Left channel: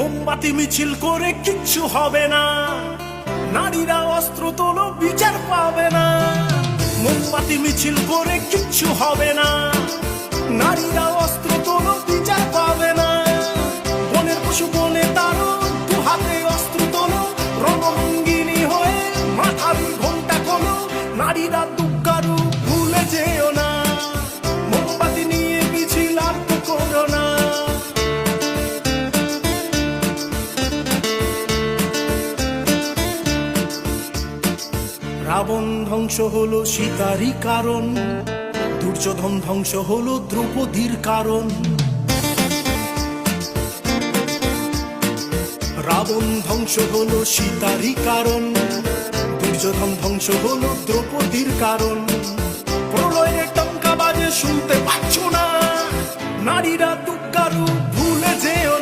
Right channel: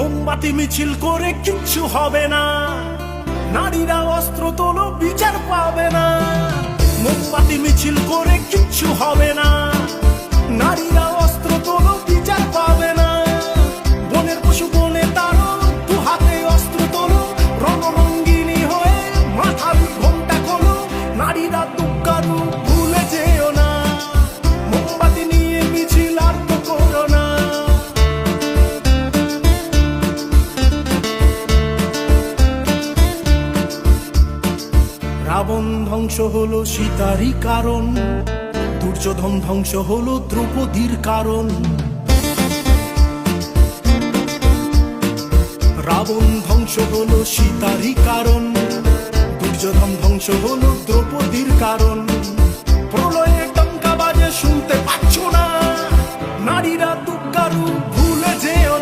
মোমবাতি মিছিল করে কিচ্ছু হবে না, নারীরা অস্ত্র তোলো বিচার পাবে না। মোমবাতি মিছিল করে কিচ্ছু হবে না, নারীরা অস্ত্র তোলো বিচার পাবে না। বনের পশু বনে তারো, দু হাতে অস্ত্র তোলো, রণরঙ্গিনী হয়ে মাথার ঘোমটা খোলো। নারীরা দুঃখারু ভুলে যেও না, মোমবাতি নিয়ে মিছিল আর তো করো না। রাবণ ধ্বংস হলো সীতারই কারণ, দুর্যোধন ধ্বংস হলো দ্রৌপদীর কারণ। রাবণ ধ্বংস হলো সীতারই কারণ, দুর্যোধন ধ্বংস হলো দ্রৌপদীর কারণ। প্রলয়ে টঙ্কা বাজে শুনতে পাচ্ছ না, নারীরা দুঃখারু ভুলে যেও